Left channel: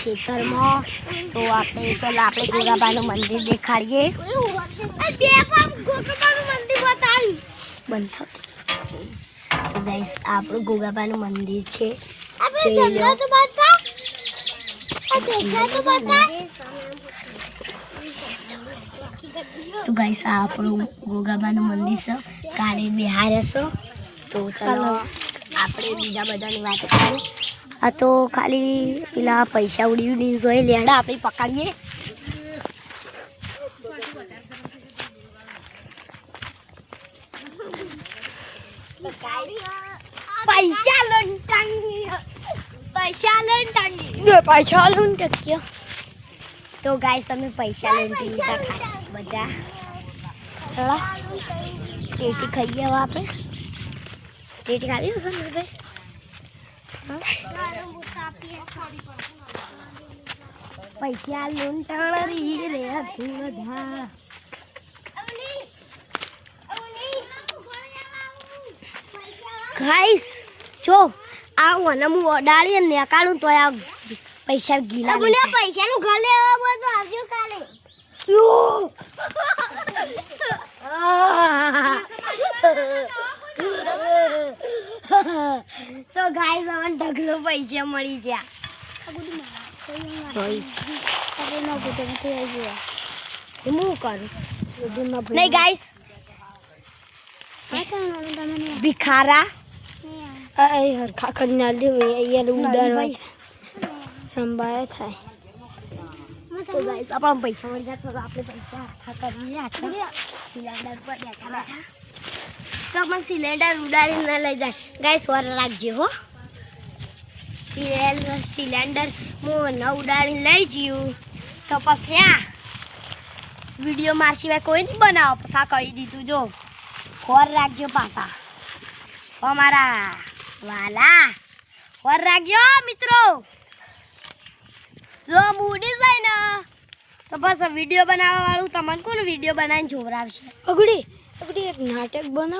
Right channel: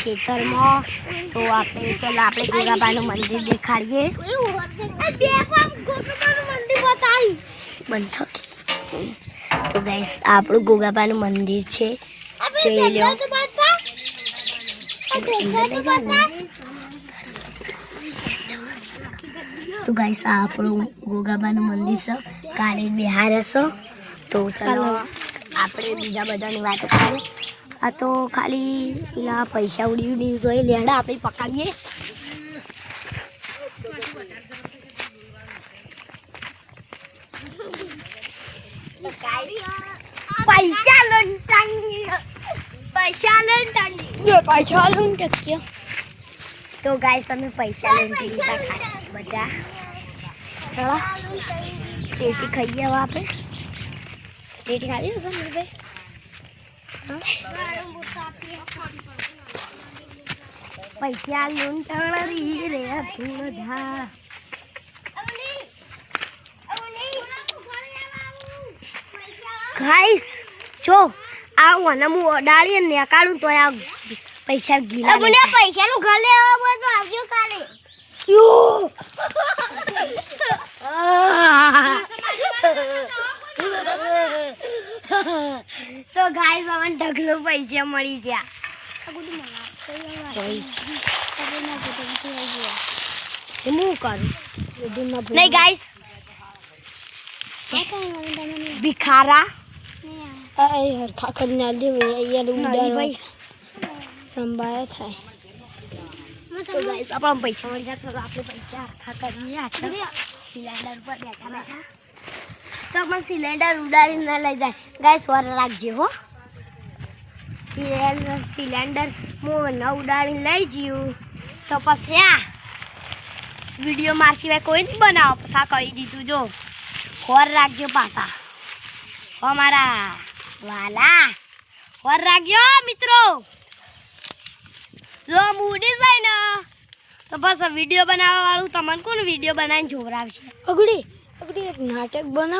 ખેતરમાં તો આપણે ચાલો આપણે ગોગાબાનું મંદિર દેખાડીએ. તો ગાઈસ આપણું ગોગાબાનું મંદિર છે, જોઈ લો. તો ગાઈસ આ આપણું ગોગાબાનું મંદિર છે, કાલે બિહાર હશે. તો ચાલો આપણે બીજા બધાની વાત કરીએ. આ તો ખાલી પેલા પૈસા ઉડી જોઈએ લેડા આપણે પકડીએ. પૈસા લૂંટાઈ તો ગાઈસ તમે પૈસા લૂંટી લીધા બધા. થોડા ટેટી ખાઈએ હવે આપણે. ટેટી ખાવી હશે ને ભાઈ? પૈસા લૂંટાણી રે બધા. ગાઈસ જો આ મને હું ઓડાળી ને કાઢું તો આ પૈસા ગીલા પૈસાનું ઘર લેવા બધું આવજો કાલે. તો ગાઈસ મને ઢગલો પૈસા મળી ગયા. હું કરું નહીં ગાઈસ. ભિખારા હરખા કરી ના દે ઉડાડવા સંભાળે થાય. તો ગાઈસ આપણા પૈસા મળી જાય તો આપણે પૈસા હરખા કરીએ. સિલિન્ડર પર બેઠા બેઠા તો આપણે સિલિન્ડર ઉડાડી ના લઈ જાય. ગાઈસ વાર રાખજો હો. સિલિન્ડર હું ન ઉડાડીને લઈ જયું તો પછી આ વિડીયો માર સિવાય કોઈ નહીં બનાવો. પછી કહી દીધું જો ખોર રાખજો પાછા અમારા વાલા. ખોર રાખજો મિત્રો. જો મૂડી જાય ને તો બસ વિડીયો બનાવવા વાળું તમને કોણ વિડીયો બનાવીને જોવરાવશે? અગડી એક નાટક બનાવું.